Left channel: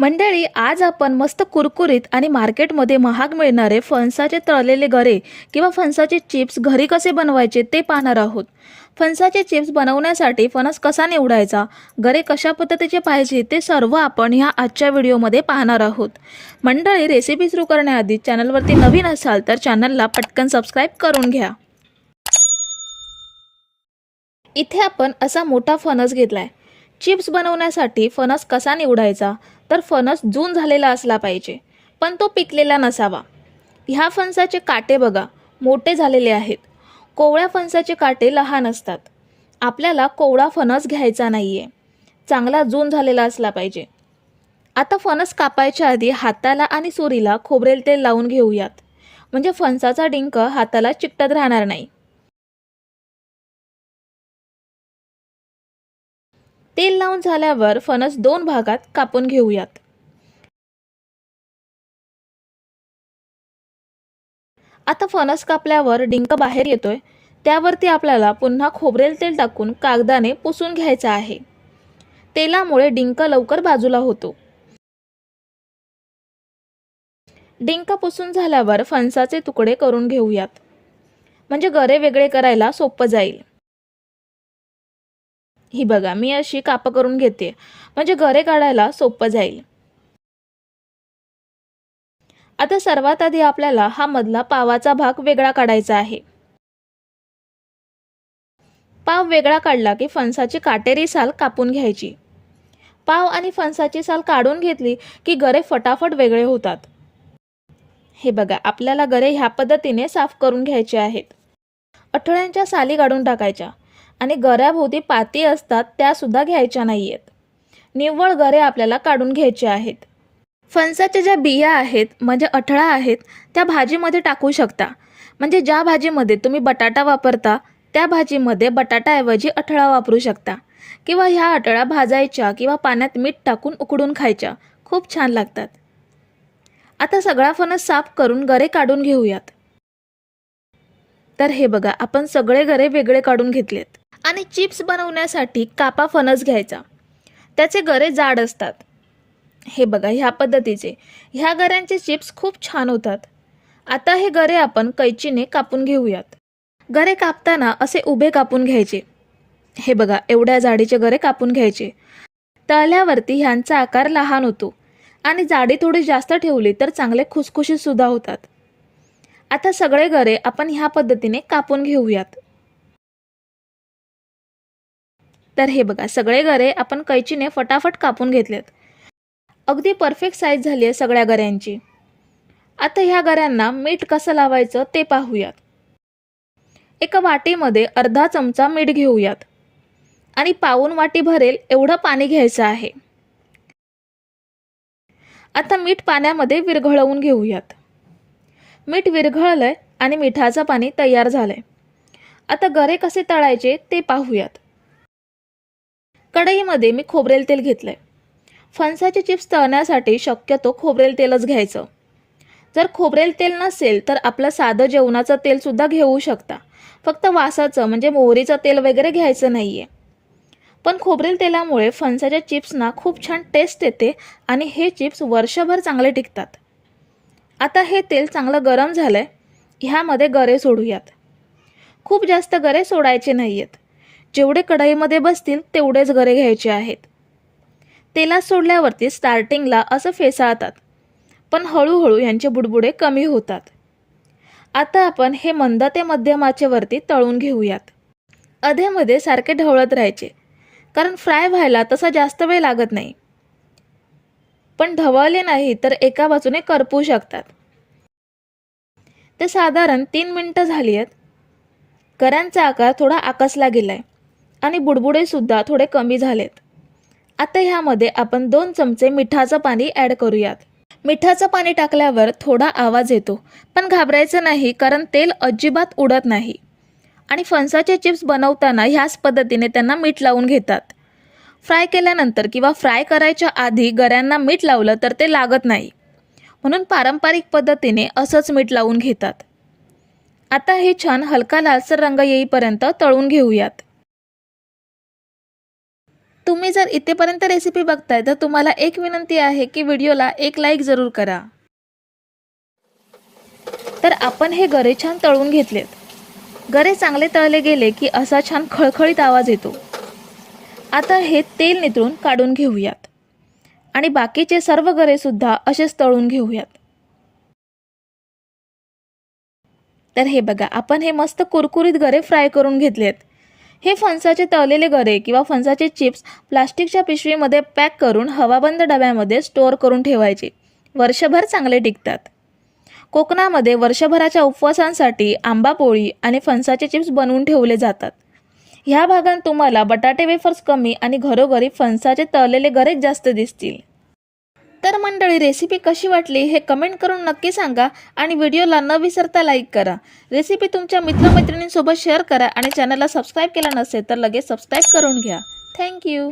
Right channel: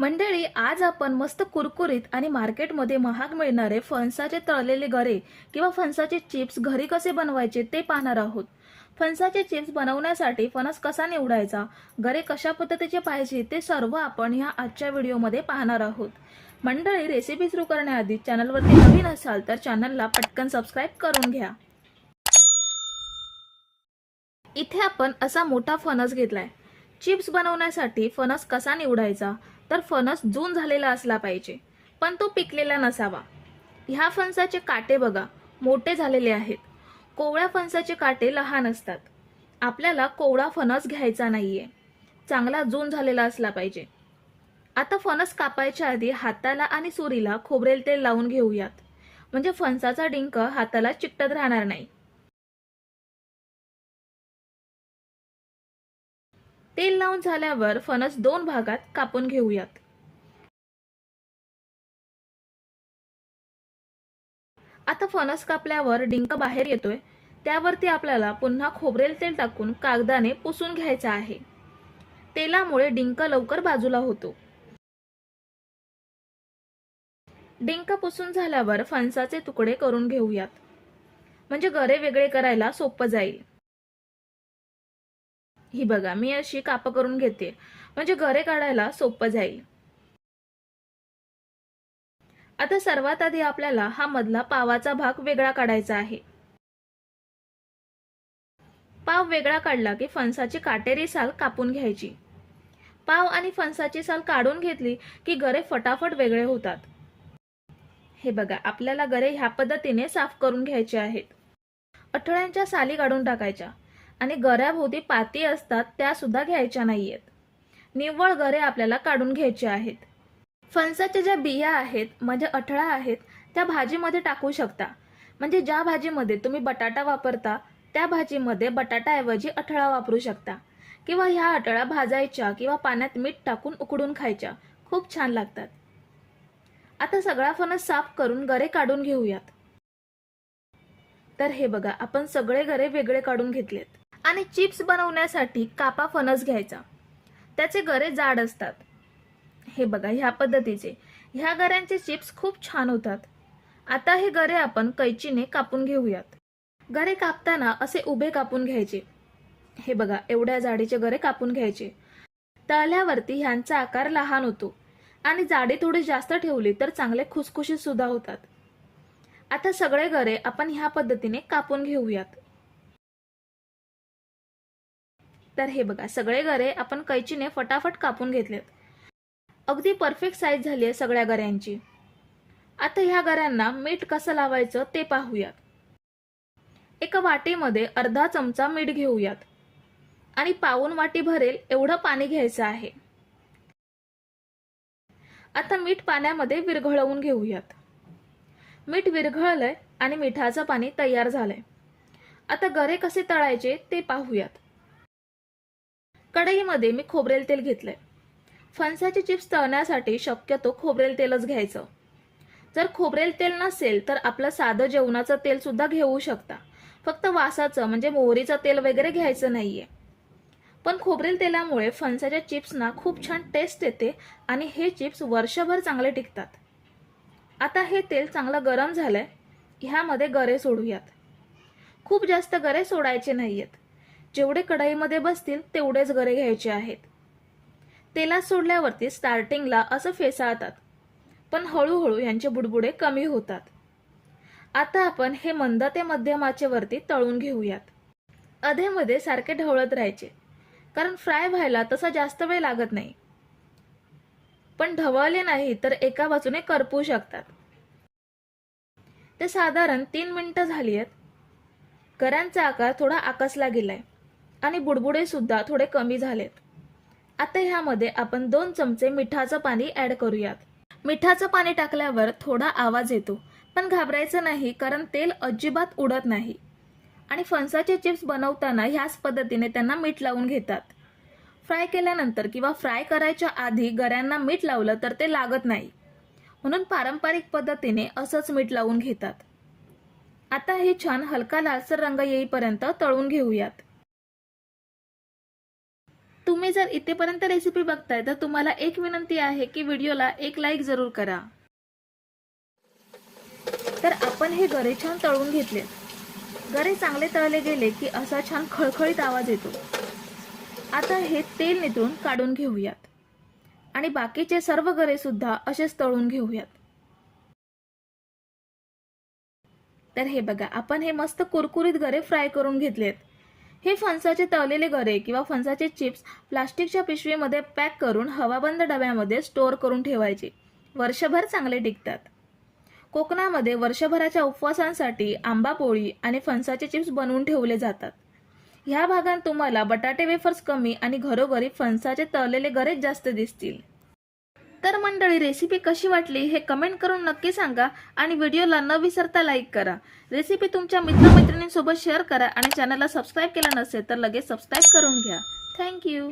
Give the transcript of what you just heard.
मंडळी, आज आपण मस्त कुरकुरीत आणि मार्केटमध्ये महाग मिळणारे फणसाचे तळलेले गरे किंवा फणसाचे चिप्स घरी कसे बनवायचे ते पाहणार आहोत. फणसाचे चिप्स बनवण्यासाठी फणस कसा निवडायचा, गरे कशा पद्धतीचे पाहिजे ते सर्व आपण ह्या आजच्या व्हिडिओमध्ये पाहणार आहोत. मंडळी, रेसिपी सुरू करण्याआधी चॅनलवरती नवीन असाल तर चॅनलला पटकन सबस्क्राईब करून घ्या. इथे आपण असा मोठा फणस घेतलाय. चिप्स बनवण्यासाठी फणस कसा निवडायचा, तर फणस जून झालेला असला पाहिजे, पण तो पिकलेला नसावा. ह्या फणसाचे काटे बघा, मोठे झालेले आहेत. कोवळ्या फणसाचे काटे लहान असतात. आपल्याला कोवळा फणस घ्यायचा नाहीये, चांगला जून झालेला असला पाहिजे. आता फणस कापायच्या आधी हाताला आणि सुरीला खोबरेल तेल लावून घेऊयात, म्हणजे फणसाचा डिंक हाताला चिकटत राहणार नाही. तेल लावून झाल्यावर फणस 2 भागात कापून घेऊयात. आता फणस कापल्यावर डिंक बाहेर येतोय, त्यावरती आपल्याला पुन्हा खोबरेल तेल टाकून कागदाने पुसून घ्यायचा आहे. तेलामुळे डिंक लवकर बाजूला होतो. डिंक पुसून झाल्यावर फणसाचे तुकडे करून घेऊयात, म्हणजे गरे वेगळे करायला सोपं जाईल. ही बघा, मी अशी काप करून घेते, म्हणजे गरे काढायला सोपं जाईल. आता सर्वात आधी आपल्याला हा मधला पावाचा भाग वेगळा काढायचा आहे. पाव वेगळा काढला की फणसाची काटेरी साल कापून घ्यायची. पाव आणि फणसाची साल काढून घेतली की गरे फटाफट वेगळे होतात. हे बघा, आपल्याला गरे ह्या पद्धतीने साफ करून घ्यायचे आहेत. अठळ्यांच्या साली काढून टाकायच्या आणि गऱ्याभोवती पाती असतात त्या सुद्धा घ्यायच्या नाहीयेत. निव्वळ गरे आपल्याला काढून घ्यायचे आहेत. फणसाच्या ज्या बिया आहेत, म्हणजे अठळा आहेत, त्या भाजीमध्ये टाकू शकता. म्हणजे ज्या भाजीमध्ये तुम्ही बटाटा वापरता त्या भाजीमध्ये बटाटाऐवजी अठळा वापरू शकता, किंवा ह्या अठळा भाजायच्या किंवा पाण्यात मीठ टाकून उकडून खायच्या, खूप छान लागतात. आता सगळा फणस साफ करून गरे काढून घेऊयात. तर हे बघा, आपण सगळे गरे वेगळे काढून घेतलेत. आणि चिप्स बनवण्यासाठी कापा फणस घ्यायचा. त्याचे गरे जाड असतात. हे बघा, ह्या पद्धतीचे ह्या गऱ्यांचे चिप्स खूप छान होतात. आता हे गरे आपण कैचीने कापून घेऊयात. गरे कापताना असे उभे कापून घ्यायचे. हे बघा, एवढ्या जाडीचे गरे कापून घ्यायचे. तळल्यावरती ह्यांचा आकार लहान होतो आणि जाडी थोडी जास्त ठेवली तर चांगले खुसखुशीत सुद्धा होतात. आता सगळे गरे आपण ह्या पद्धतीने कापून घेऊयात. तर हे बघा, सगळे गरे आपण कैचीने फटाफट कापून घेतलेत. अगदी परफेक्ट साईज झाली आहे सगळ्या गऱ्यांची. आता ह्या गऱ्यांना मीठ कसं लावायचं ते पाहूयात. एका वाटीमध्ये अर्धा चमचा मीठ घेऊयात आणि पाऊण वाटी भरेल एवढं पाणी घ्यायचं आहे. आता मीठ पाण्यामध्ये विरघळवून घेऊयात. मीठ विरघळलंय आणि मिठाचं पाणी तयार झालंय. आता गरे कसे तळायचे ते पाहूयात. कढईमध्ये मी खोबरेल तेल घेतलंय. फणसाचे चिप्स तळण्यासाठी शक्यतो खोबरेल तेलच घ्यायचं. जर खोबरेल तेल नसेल तर आपलं साधं जेवणाचं तेल सुद्धा घेऊ शकता. फक्त वासाचं म्हणजे मोहरीचं तेल वगैरे घ्यायचं नाहीये. पण खोबरेल तेलामुळे फणसाच्या चिप्सना खूप छान टेस्ट येते आणि हे चिप्स वर्षभर चांगले टिकतात. आता हे तेल चांगलं गरम झालंय, ह्यामध्ये गरे सोडूयात. खूप जास्त गरे सोडायचे नाहीयेत. जेवढे कढईमध्ये बसतील तेवढेच गरे घ्यायचे आहेत. तेलात सोडल्यावरती स्टार्टिंगला असं फेसाळतात, पण हळूहळू यांचे बुडबुडे कमी होतात. आता आपण हे मंद ते मध्यम आचेवरती तळून घेऊयात. अधेमध्ये सारखे ढवळत राहायचे, कारण फ्राय व्हायला तसा जास्त वेळ लागत नाही. पण ढवळले नाही तर एका बाजूने करपू शकतात. ते साधारण 3 मिनिटं झाली आहेत. गऱ्यांचा आकार थोडा आकसला गेलाय आणि बुडबुडे सुद्धा थोडे कमी झालेत. आता ह्यामध्ये आपण 2 चमचे मिठाचं पाणी ॲड करूयात. मिठाचं पाणी टाकल्यावर थोडा आवाज येतो, पण घाबरायचं नाही, कारण तेल अजिबात उडत नाही. आणि फणसाचे चिप्स बनवताना ह्याच पद्धतीने त्यांना मीठ लावून घेतात. फ्राय केल्यानंतर किंवा फ्राय करायच्या आधी गऱ्यांना मीठ लावलं तर ते लागत नाही, म्हणून पारंपरिक पद्धतीने असंच मीठ लावून घेतात. आता हे छान हलका लालसर रंग येईपर्यंत तळून घेऊयात. तुम्ही जर इथेपर्यंत रेसिपी बघताय तर तुम्हाला एक विनंती आहे की व्हिडिओला एक लाईक जरूर करा. तर आपण हे गरे छान तळून घेतलेत. गरे चांगले तळले गेले की असा छान खळखळीत आवाज येतो. आता हे तेल नितळून काढून घेऊयात आणि बाकीचे सर्व गरे सुद्धा असेच तळून घेऊयात. तर हे बघा, आपण हे मस्त कुरकुरीत गरे फ्राय करून घेतलेत. हे फणसाचे तळलेले गरे किंवा फणसाचे चिप्स प्लास्टिकच्या पिशवीमध्ये पॅक करून हवाबंद डब्यामध्ये स्टोअर करून ठेवायचे. वर्षभर चांगले टिकतात. कोकणामध्ये वर्षभराच्या उपवासांसाठी आंबा पोळी आणि फणसाचे चिप्स बनवून ठेवले जातात. ह्या भागात तुम्हाला बटाटे वेफर्स कमी आणि घरोघरी फणसाचे तळलेले गरेच जास्त दिसतील. तर मंडळी, रेसिपी कशी वाटली हे कमेंट करून नक्की सांगा आणि व्हिडिओला न विसरता लाईक करा. रेसिपी तुमच्या मित्रमैत्रिणींसोबत शेअर करा आणि चॅनलला सबस्क्राईब केलं नसेल तर लगेच सबस्क्राईब करून घ्या. थँक्यू.